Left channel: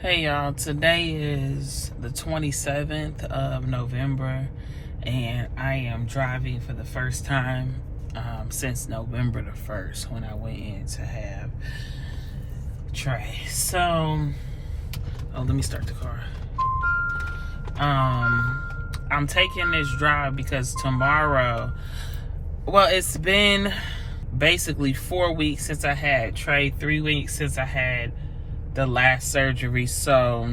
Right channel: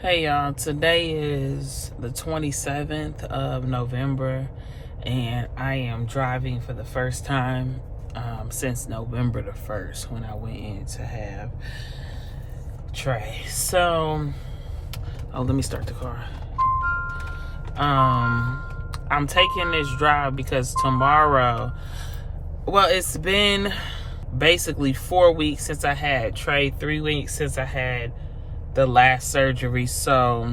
Hey y'all, today is the 27th of November and I am driving for the first time since November the 1st when I went in to have Trey. So, let me start the car. I'm taking this drive because tomorrow, it's been basically 4 weeks since I had Trey, 3 weeks since I had the last surgery, so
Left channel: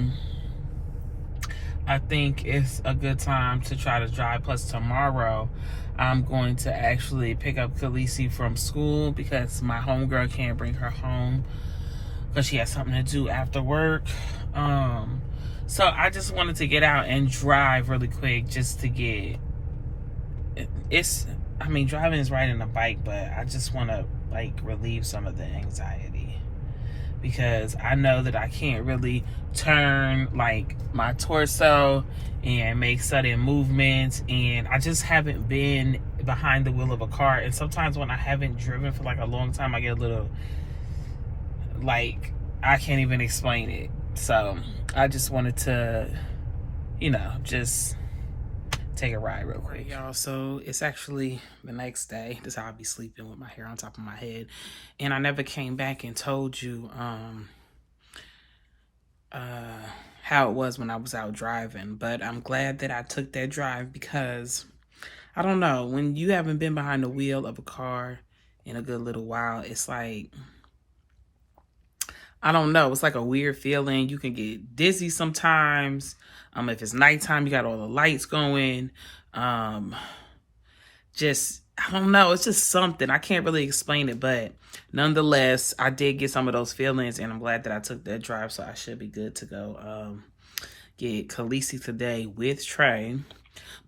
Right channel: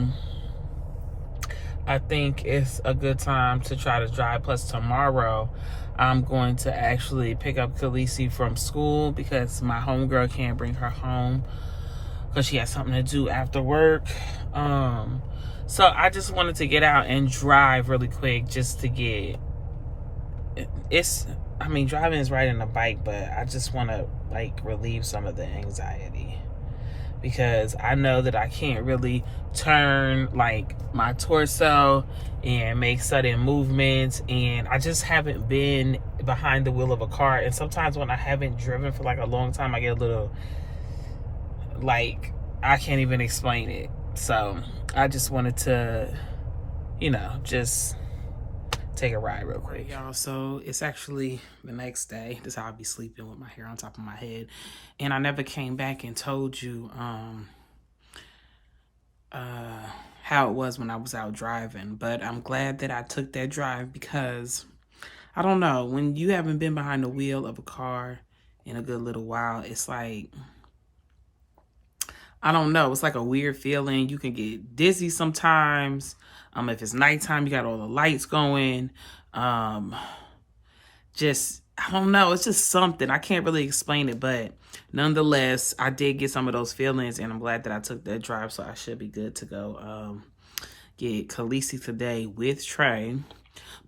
I think it's a good time to try to drive. Plus tomorrow I'm going to actually pick up Khaleesi from school because my homegirl can't bring her home because she has something to do after work. So I just wanted to get out and drive really quick just to get driving is riding a bike, but I just want to relieve some of the anxiety, because I know that I can't really turn my torso and make sudden movements, and I just haven't been behind the wheel of a car. And sometimes when I haven't driven for a long time, I get a little I can't even explain it. So I just wanted to, just take a ride real quick, y'all. So it's actually the next day. This is how I'll be sleeping with my hair on top of my head. And I never came back and told you how it was when I was out driving. But I'm glad that I took that drive because, I don't know, when you haven't been behind the wheel of a car in a good little while, it's I don't know, it's a weird feeling. You can get dizzy sometimes. If it's nighttime, you got all the lights going. Just, I don't know, it's just something. I can't really explain it, but nonetheless, I did get some of those feelings, and I'm glad that I took that drive, so I should be good to go get Khaleesi today with Trey.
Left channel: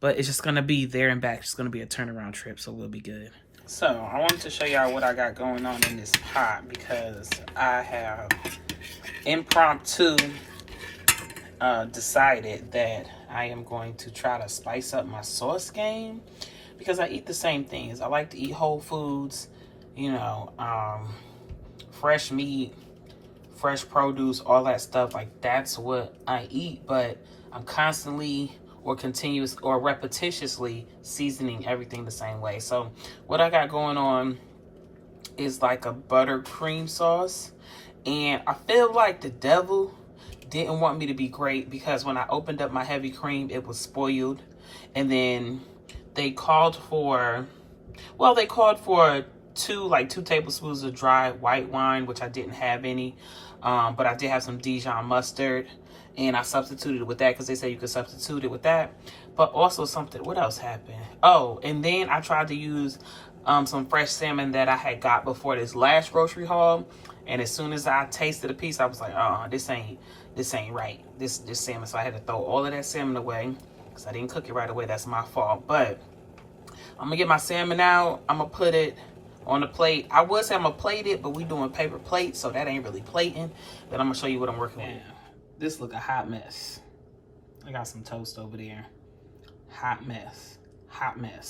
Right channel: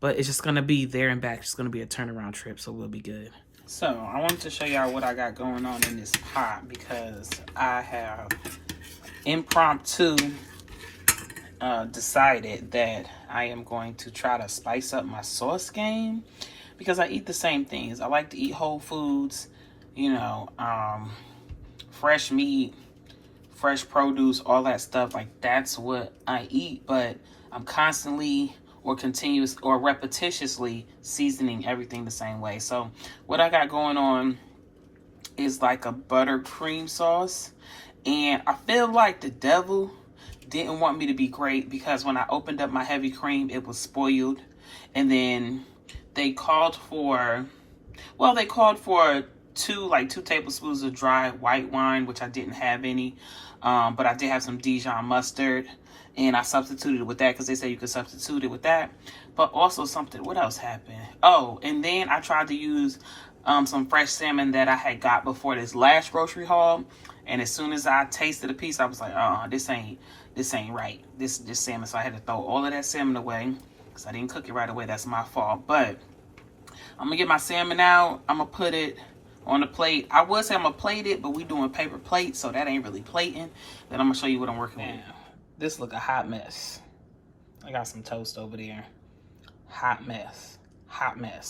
But it's just going to be there and back. It's going to be a turnaround trip, so we'll be good. So, I wanted to show y'all what I got going on in this pot, because I have impromptu decided that I am going to try to spice up my sauce game, because I eat the same things. I like to eat whole foods, fresh meat, fresh produce, all that stuff. That's what I eat, but I'm constantly or continuous or repetitiously seasoning everything the same way. So what I got going on is a buttercream sauce, and I feel like the devil didn't want me to be great, because when I opened up my heavy cream, it was spoiled. And then they called for two tablespoons of dry white wine, which I didn't have any, but I did have some Dijon mustard, and I substituted it with that because they say you could substitute it with that. But also what else happened? Oh, and then I tried to use some fresh salmon that I had got before this last grocery haul, and as soon as I tasted a piece, I was like, this ain't right, this salmon. So I had to throw all of that salmon away because I didn't cook it right away. That's my fault. But I'm gonna get my salmon out. I'm gonna put it on the plate. I would say I'm gonna plate it, but we doing paper plates, so that ain't really plating. Then I'm gonna show you what I'm working on. This look a hot mess. I got some toast over there. Hot mess.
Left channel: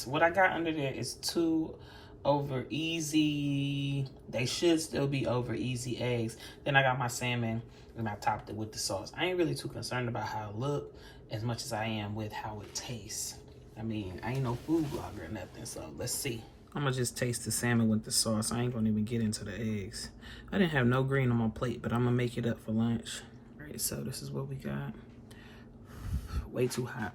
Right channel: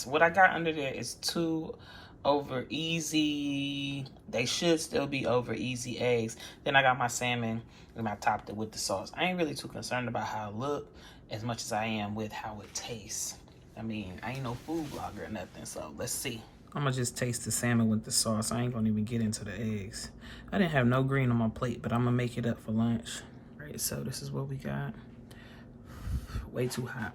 What I got under there is 2 over easy. They should still be over easy eggs. Then I got my salmon, and I topped it with the sauce. I ain't really too concerned about how it look as much as I am with how it tastes. I ain't no food blogger or nothing, so let's see. I'm gonna just taste the salmon with the sauce. I ain't gonna even get into the eggs. I didn't have no green on my plate, but I'm gonna make it up for lunch. All right, so this is what we got. Way too hot.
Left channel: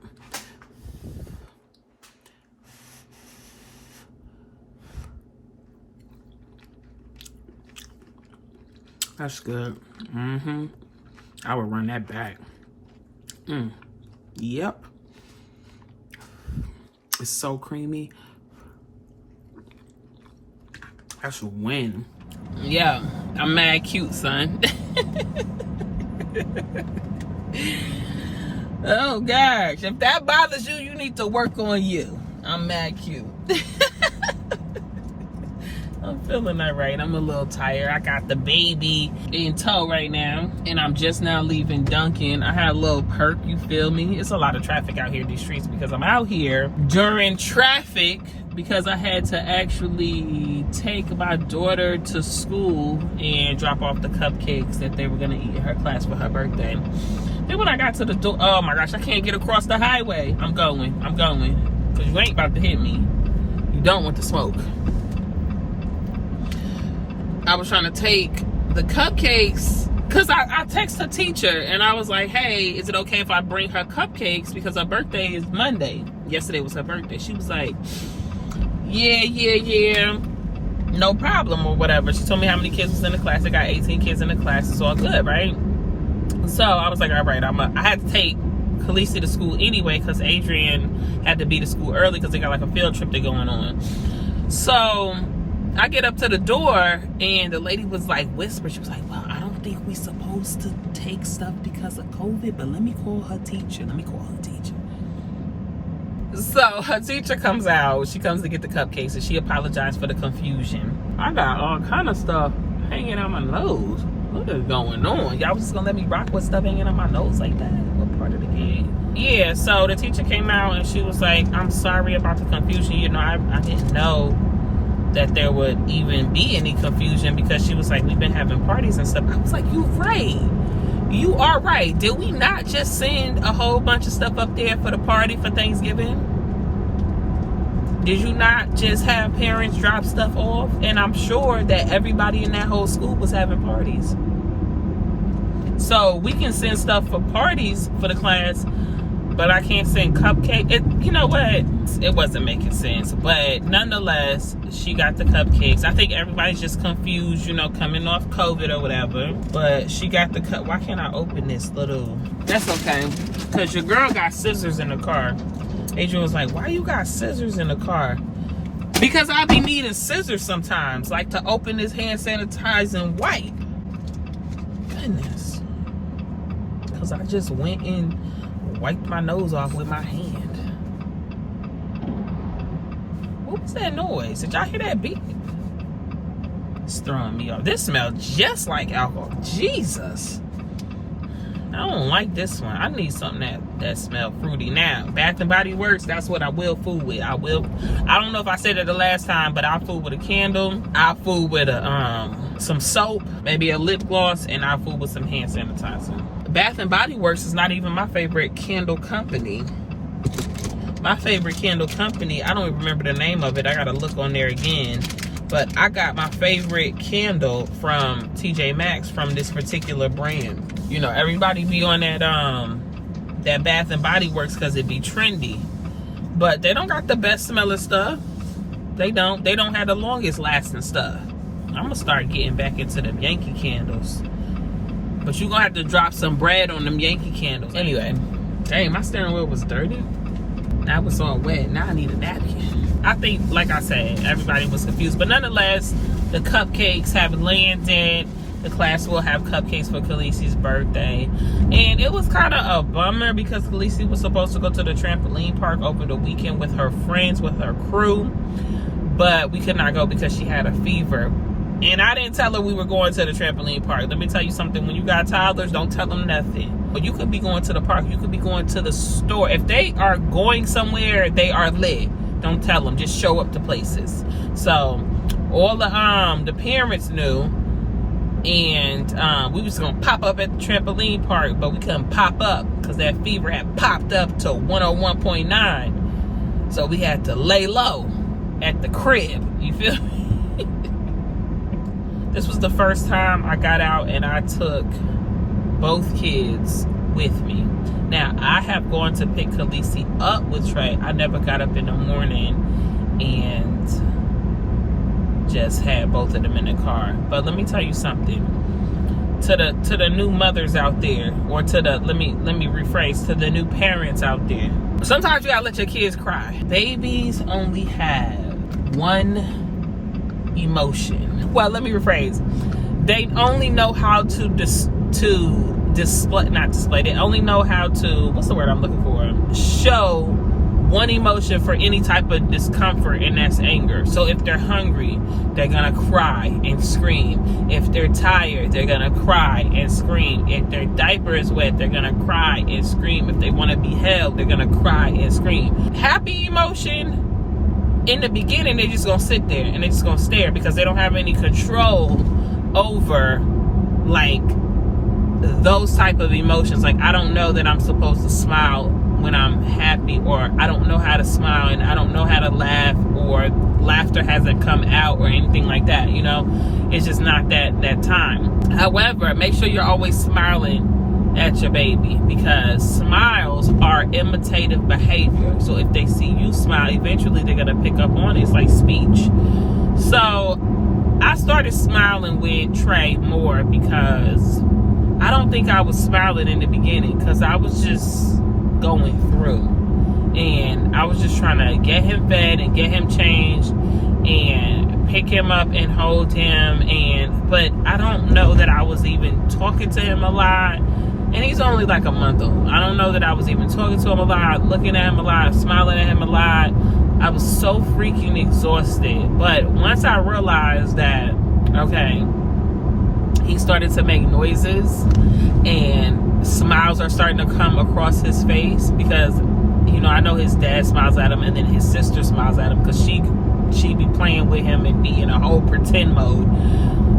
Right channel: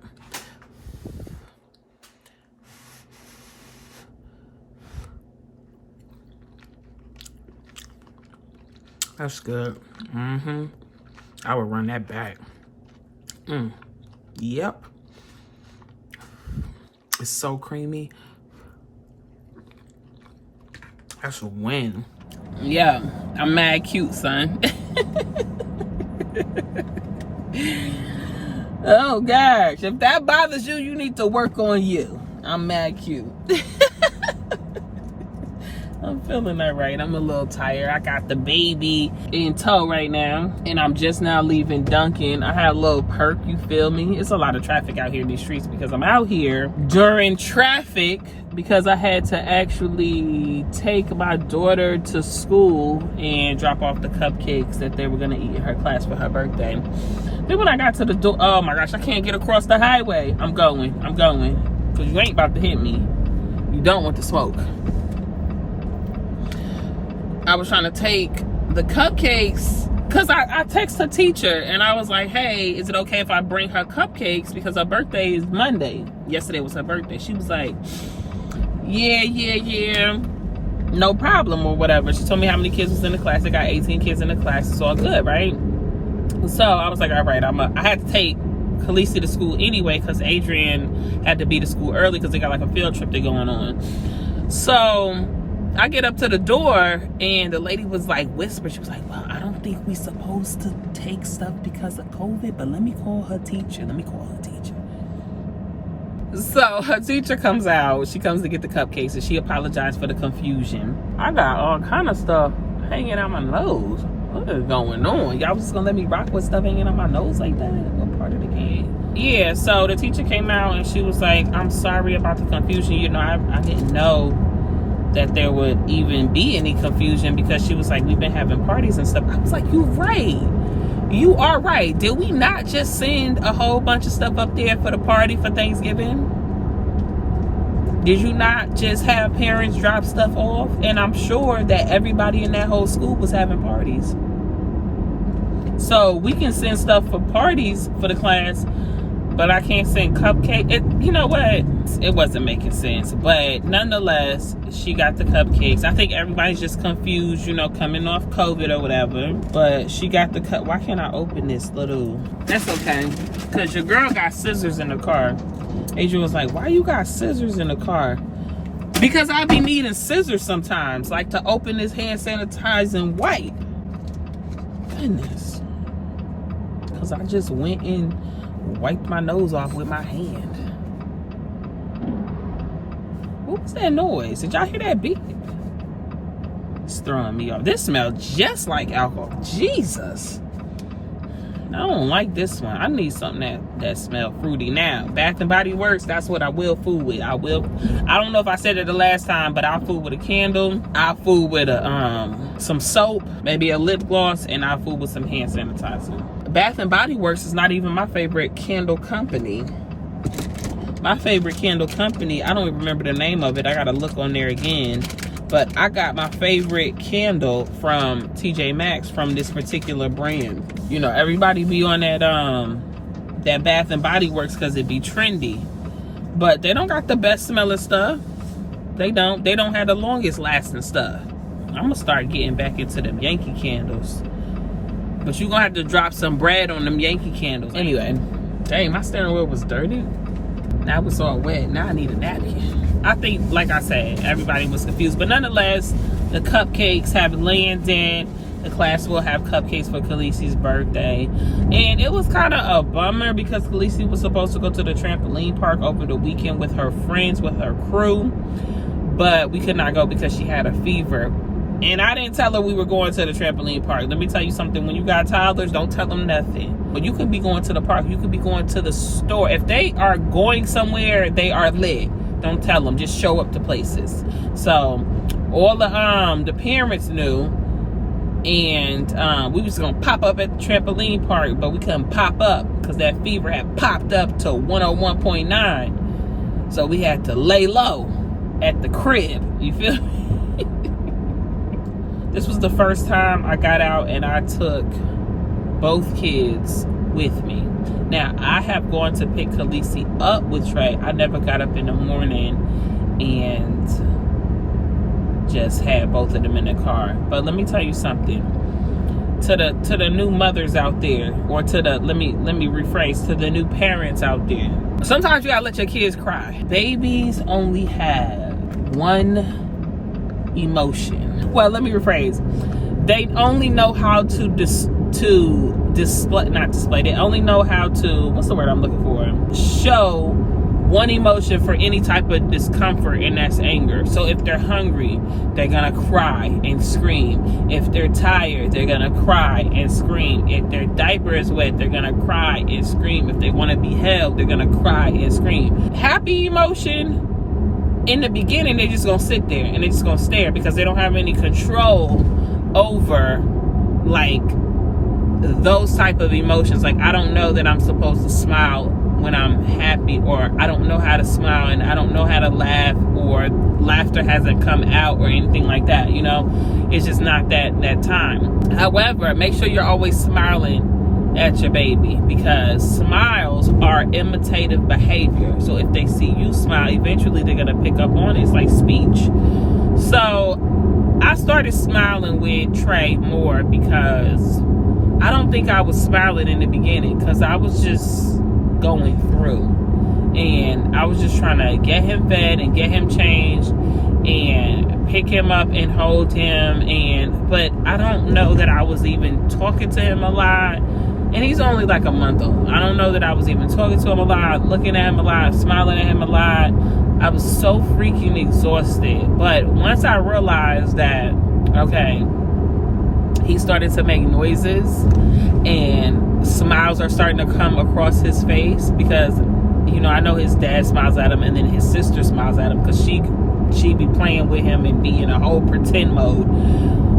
That's good. I would run that back. Yep. It's so creamy. That's a win. Yeah, I'm mad cute, son. Oh gosh, if that bothers you, you need to work on you. I'm mad cute. I'm feeling all right. I'm a little tired. I got the baby in tow right now, and I'm just now leaving Dunkin'. I had a little perk, you feel me? It's a lot of traffic out here in these streets because I'm out here during traffic because I had to actually take my daughter to school and drop off the cupcakes that they were gonna eat in her class for her birthday. Then when I got to the door, oh my gosh, I can't get across the highway. I'm going, because you ain't about to hit me. You don't want the smoke. I was trying to take the cupcakes because I text her teacher and I was like, hey, is it okay if I bring her cupcakes because her birthday is Monday. Yesterday was her birthday. She was like, yeah, no problem or whatever. She told me how many kids was in the class. They got 18 kids in the class. It's all good, right? So I was like, all right, I had to take Khaleesi to school anyway because Adrian had to be to school early because they got like a field trip they're going on. So I get up to the door and the lady was like whisper. She was like, well, I don't think we supposed to take stuff because of COVID, but let me call her teacher. So her teacher comes out. She comes to get the cupcakes and she apologized for the confusion. I got all kind of stuff hanging out my nose. What is going on? Y'all just gonna let me rock with stuff hanging out my nose like that? What part of the game? Yeah, so the teacher came out and she was like, I'm sorry about the confusion. You know, I didn't know that there would even be any confusion because she was like, we've been having parties and stuff. I was like, you're right. You are right. Did we not just send a whole bunch of stuff up there for the party for Thanksgiving? Did you not just have parents drop stuff off? And I'm sure that everybody in that whole school was having parties. So we can send stuff for parties for the class, but I can't send cupcakes. You know what? It wasn't making sense. But nonetheless, she got the cupcakes. I think everybody's just confused, you know, coming off COVID or whatever. But she got the cup. Why can't I open this little? That's okay. Because your girl got scissors in the car. Adrian was like, why you got scissors in the car? Because I be needing scissors sometimes. Like to open this hand sanitizing wipe. Goodness. Because I just went and wiped my nose off with my hand. What was that noise? Did y'all hear that beep? It's throwing me off. This smells just like alcohol. Jesus. I don't like this one. I need something that smells fruity. Now, Bath and Body Works, that's what I will fool with. I don't know if I said it the last time, but I'll fool with a candle. I'll fool with some soap, maybe a lip gloss, and I'll fool with some hand sanitizer. Bath and Body Works is not even my favorite candle company. My favorite candle company, I don't even remember the name of it. I gotta look on there again. But I got my favorite candle from TJ Maxx from this particular brand. You know, everybody be on that Bath and Body Works because it be trendy. But they don't got the best smelling stuff. They don't have the longest lasting stuff. I'm gonna start getting back into them Yankee candles. But you gonna have to drop some bread on them Yankee candles. Anyway, dang, my steering wheel was dirty. Now it was all wet. Now I need a napkin. I think, like I said, everybody was confused. But nonetheless, the cupcakes have landed. The class will have cupcakes for Khaleesi's birthday. And it was kind of a bummer because Khaleesi was supposed to go to the trampoline park over the weekend with her friends, with her crew. But we could not go because she had a fever. And I didn't tell her we were going to the trampoline park. Let me tell you something. When you got toddlers, don't tell them nothing. But you could be going to the park. You could be going to the store. If they are going somewhere, they are lit. Don't tell them. Just show up to places. So all the parents knew. And we was going to pop up at the trampoline park. But we couldn't pop up because that fever had popped up to 101.9. So we had to lay low at the crib. You feel me? This was the first time I got out and I took both kids with me. Now, I have gone to pick Khaleesi up with Trey. I never got up in the morning and just had both of them in the car. But let me tell you something. To the new mothers out there, or to the, let me rephrase, to the new parents out there. Sometimes you gotta let your kids cry. Babies only have one emotion. Well, let me rephrase. They only know how to display, not display. They only know how to, what's the word I'm looking for? Show one emotion for any type of discomfort, and that's anger. So if they're hungry, they're gonna cry and scream. If they're tired, they're gonna cry and scream. If their diaper is wet, they're gonna cry and scream. If they want to be held, they're gonna cry and scream. Happy emotion, in the beginning, they're just gonna sit there and they're just gonna stare because they don't have any control over like those type of emotions. Like, I don't know that I'm supposed to smile when I'm happy, or I don't know how to smile, and I don't know how to laugh, or laughter hasn't come out, or anything like that. You know, it's just not that time. However, make sure you're always smiling at your baby, because smiles are imitative behavior. So if they see you smile, eventually they're gonna pick up on it. It's like speech. So I started smiling with Trey more because I don't think I was smiling in the beginning, because I was just going through, and I was just trying to get him fed and get him changed and pick him up and hold him, but I don't know that I was even talking to him a lot, and he's only like a month old. I don't know that I was even talking to him a lot, looking at him a lot, smiling at him a lot. I was so freaking exhausted. But once I realized that, okay, he started to make noises and smiles are starting to come across his face, because, you know, I know his dad smiles at him and then his sister smiles at him, because she be playing with him and be in a whole pretend mode.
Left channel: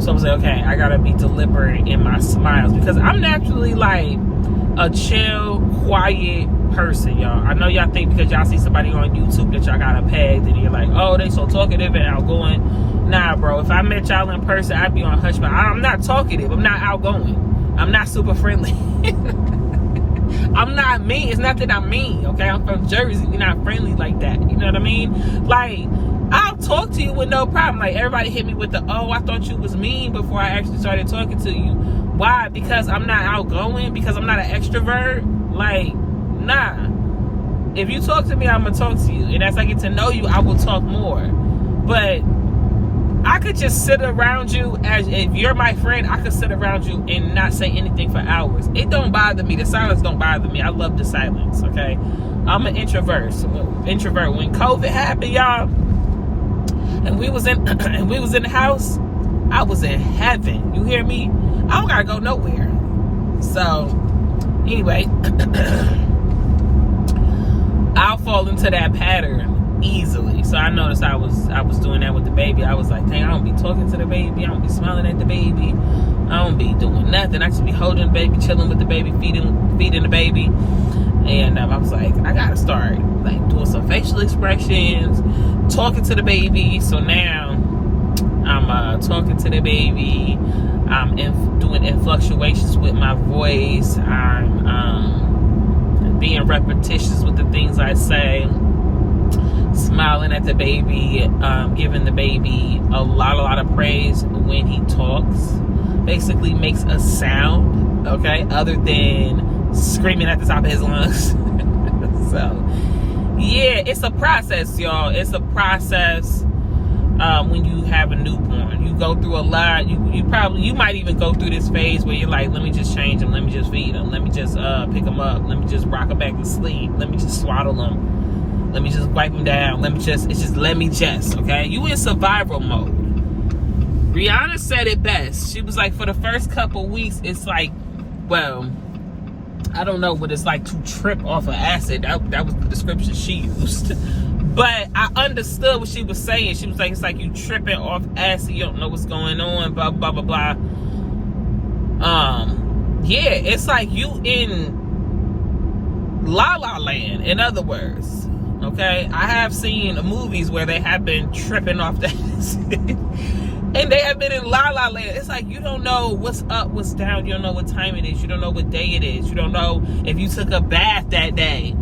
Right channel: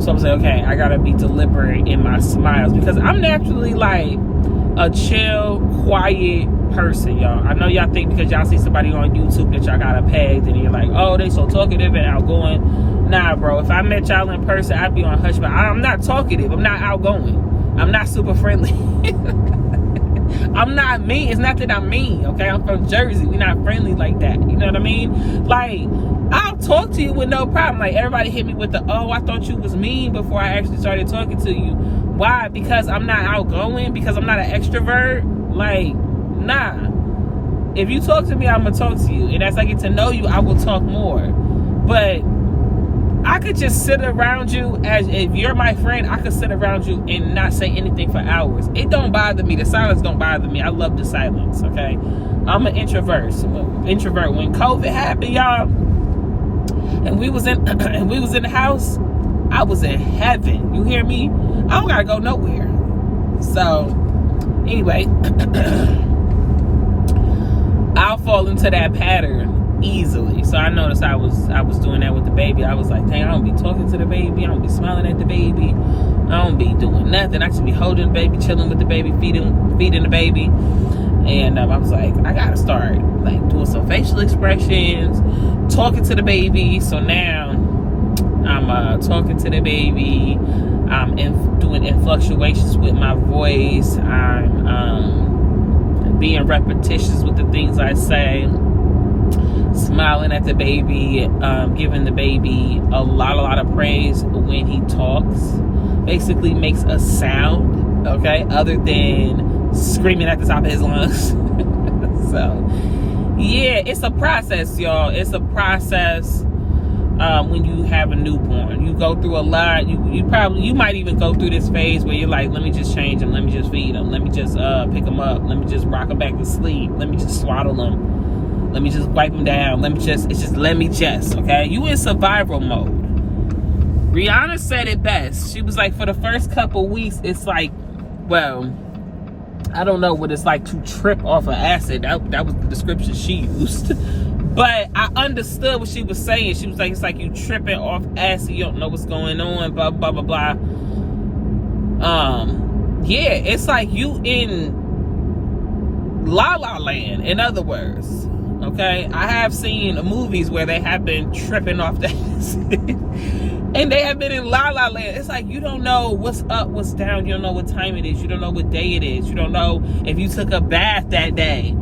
So I'm saying, okay, I gotta be deliberate in my smiles, because I'm naturally like a chill, quiet person, y'all. I know y'all think because y'all see somebody on YouTube that y'all got a pegged and you're like, oh, they so talkative and outgoing. Nah, bro, if I met y'all in person, I'd be on hush, but I'm not talkative. I'm not outgoing. I'm not super friendly. I'm not mean. It's not that I'm mean, okay? I'm from Jersey. We're not friendly like that. You know what I mean? Like, I'll talk to you with no problem. Like, everybody hit me with the, oh, I thought you was mean before I actually started talking to you. Why? Because I'm not outgoing? Because I'm not an extrovert? Like, nah. If you talk to me, I'm going to talk to you. And as I get to know you, I will talk more. But I could just sit around you, as if you're my friend, I could sit around you and not say anything for hours. It don't bother me. The silence don't bother me. I love the silence, okay? I'm an introvert. So when COVID happened, y'all, and we was in the house, I was in heaven. You hear me? I don't gotta go nowhere. So anyway, I'll fall into that pattern easily. So I noticed I was doing that with the baby. I was like, dang, I don't be talking to the baby. I don't be smiling at the baby. I don't be doing nothing. I just be holding the baby, chilling with the baby, feeding the baby. And I was like, I gotta start like doing some facial expressions, talking to the baby. So now I'm talking to the baby. I'm doing inflections with my voice. I'm being repetitious with the things I say. Smiling at the baby, giving the baby a lot of praise when he talks. Basically makes a sound, okay, other than screaming at the top of his lungs. So, yeah, it's a process, y'all. It's a process when you have a newborn. You go through a lot. You might even go through this phase where you're like, let me just change him. Let me just feed him. Let me just pick him up. Let me just rock him back to sleep. Let me just swaddle him. Let me just wipe him down. Let me just, okay? You in survival mode. Rihanna said it best. She was like, for the first couple weeks, it's like, well, I don't know what it's like to trip off of acid. That was the description she used. But I understood what she was saying. She was like, it's like you tripping off acid. You don't know what's going on, blah, blah, blah, blah. Yeah, it's like you in La La Land, in other words. Okay, I have seen movies where they have been tripping off the acid. And they have been in La La Land. It's like you don't know what's up, what's down. You don't know what time it is. You don't know what day it is. You don't know if you took a bath that day.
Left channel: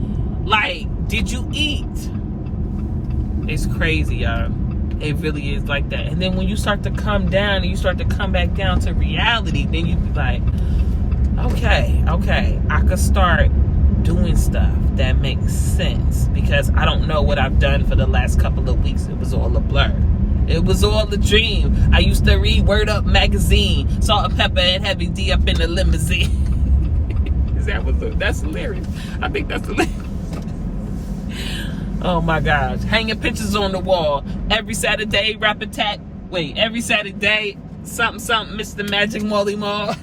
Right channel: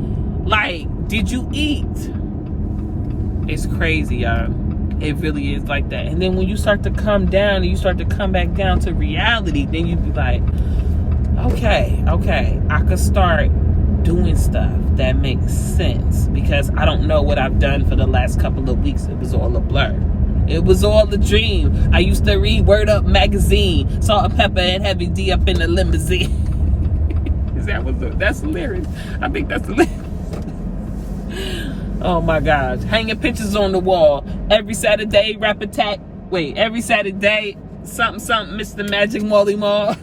Like, did you eat? It's crazy, y'all. It really is like that. And then when you start to come down and you start to come back down to reality, then you be like, okay, I could start doing stuff that makes sense, because I don't know what I've done for the last couple of weeks. It was all a blur. It was all a dream. I used to read Word Up magazine, Salt and Pepper and Heavy D up in the limousine. That's hilarious. I think that's hilarious. Oh my gosh. Hanging pictures on the wall. Every Saturday, Rap Attack. Wait, every Saturday, something, Mr. Magic Molly Mall.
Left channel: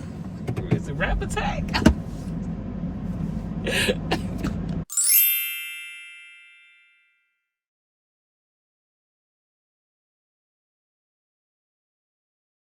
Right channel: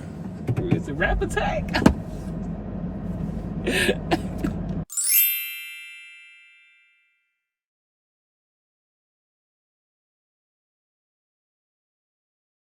Is it Rap Attack?